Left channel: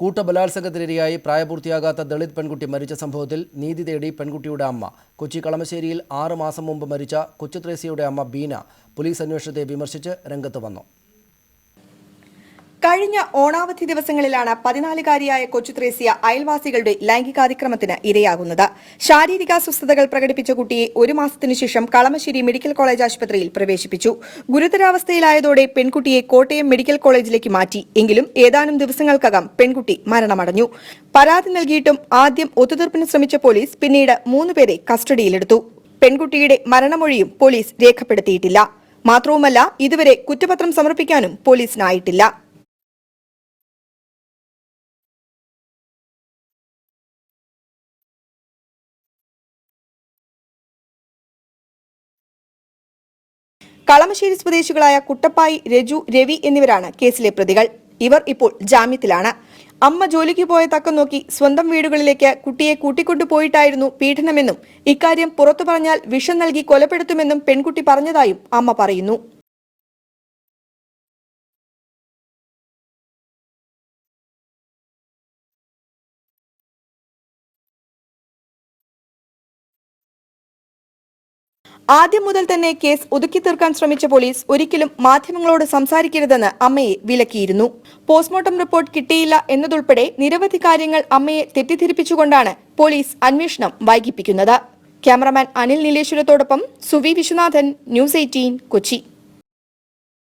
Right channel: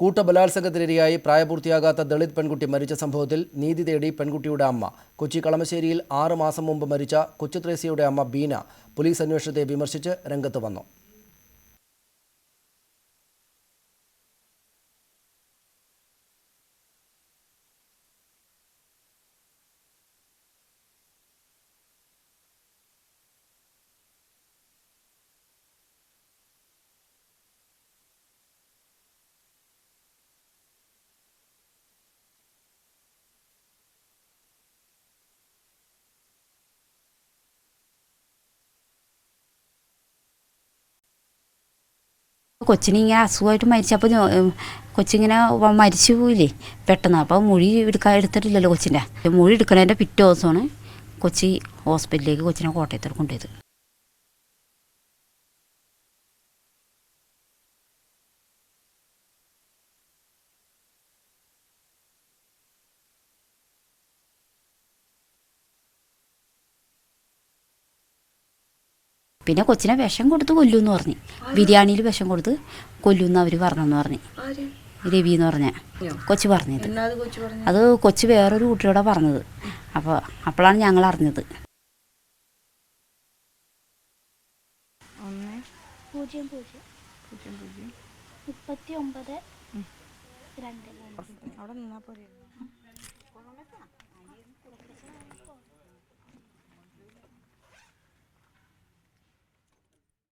കൂട്ടബലാത്സംഗത്തിനിരയായി പ്രായപൂർത്തിയാകാത്ത ദളിത് പെൺകുട്ടി മരിച്ച സംഭവത്തിൽ നീതി തേടി പെൺകുട്ടിയുടെ അമ്മ. കൊച്ചി കളമശ്ശേരിയിൽ 6 മാസം മുമ്പ് മരിച്ച കൊച്ചുത്രേസ്യയുടെ അമ്മ ബീന പോലീസ് അന്വേഷണത്തെ വിമർശിച്ച് രംഗത്ത് വന്നു. കഴിഞ്ഞ ഓണാവധി ദിവസങ്ങളിലാണ് 14-കാരിയായ കൊച്ചുത്രേസ്യ അയൽവാസികളുടെ ലൈംഗികാതിക്രമത്തിന് ഇരയാകുന്നത്. ശാരീരിക അസ്വസ്ഥതകൾ പ്രകടിപ്പിച്ച കുട്ടിയെ 1 മാസത്തിനു ശേഷം കളമശ്ശേരി മെഡിക്കൽ കോളേജ് ആശുപത്രിയിൽ പ്രവേശിപ്പിച്ചു. ഗുരുതരാവസ്ഥയിലായതോടെ പെൺകുട്ടിയെ കോട്ടയം മെഡിക്കൽ കോളേജിലേക്ക് മാറ്റി. എങ്കിലും ഏതാനും ദിവസങ്ങൾക്കകം പെൺകുട്ടി മരണമടഞ്ഞു. പരാതി നൽകിയിട്ടും ആദ്യം ഒത്തുതീർപ്പിന് ശ്രമിച്ച പോലീസ് പിന്നീട് 3 പേരെ കസ്റ്റഡിയിലെടുത്തു. പെൺകുട്ടിയുടെ മരണമൊഴിയും പോലീസ് രേഖപ്പെടുത്തിയിട്ടില്ല. മാത്രവുമല്ല, ഇതുവരെ കുറ്റപത്രം സമർപ്പിക്കാനും പോലീസിനായിട്ടില്ല. കൊച്ചിനിങ്ങനെ അസുഖമായിട്ട് മരിച്ചപ്പോൾ കൊച്ചിങ്ങനെ മരിച്ചു പോയില്ലേ പെട്ടെന്ന്. അപ്പോൾ മൊഴി എടുത്തിട്ടില്ലല്ലോ കൊച്ചിൻ്റെ. മൊഴി എടുക്കുന്നതിൻ്റെ പിറ്റേ ദിവസമാണ് കൊച്ചി ഹോസ്പിറ്റലിലേക്ക് കൊച്ചിനെ കോട്ടയത്തോട് കൊണ്ടുപോയത്. കളമശ്ശേരി സ്വദേശികളായ കുട്ടപ്പായി, രജു, രവി എന്നിവരാണ് കേസിലെ പ്രതികൾ. ഇവർ ഇപ്പോൾ ജാമ്യത്തിലാണ്. അമ്മ ജോലിക്ക് പോയ തക്കം നോക്കി സ്വന്തം വീടുകളിലേക്ക് കുട്ടിയെ കൂട്ടിക്കൊണ്ടുപോയിട്ടായിരുന്നു പീഡനമെന്നും ഇക്കാര്യം പുറത്തു പറഞ്ഞാൽ വിഷം നൽകി കൊലപ്പെടുത്തുമെന്നും പെൺകുട്ടി പറഞ്ഞതായും അമ്മ പറയുന്നു. പിന്നെ കൊച്ചിനെ വിഷം കൊടുത്ത് കൊല്ലൂന്ന് പറഞ്ഞു. ബിരിയാണിയിൽ വിഷം കൊടുത്ത് കൊല്ലൂന്ന് അവർ പറഞ്ഞെന്ന് പറഞ്ഞു. രവി എന്ന് പറഞ്ഞ കൊച്ചു പറഞ്ഞത്. അത് കൊച്ചു വേറൊരു കുട്ടിയോടെ പറഞ്ഞത്. അപ്പോഴാണ് ഞങ്ങൾ അറിഞ്ഞത്. ആദ്യം മുതൽ തന്നെ കേസ് ഒതുക്കി തീർക്കാൻ ശ്രമിച്ച പോലീസ് ഒരിക്കലും മാധ്യമങ്ങളോട് സംസാരിക്കരുതെന്ന് അമ്മയെ വിലക്കിയിരുന്നു. പോസ്റ്റ്മോർട്ടം റിപ്പോർട്ട് കിട്ടിയില്ല എന്നതുൾപ്പെടെ നിരവധി കാര്യങ്ങൾ അമ്മയെ തെറ്റിദ്ധരിപ്പിച്ചുകൊണ്ടാണ് പോലീസ് അന്വേഷണം വൈകിപ്പിക്കുന്നത്. ക്യാമറമാൻ അനിൽ നീലേശ്വരത്തോടൊപ്പം സുവി വിശ്വനാഥൻ, ന്യൂസ് 18 കൊച്ചി.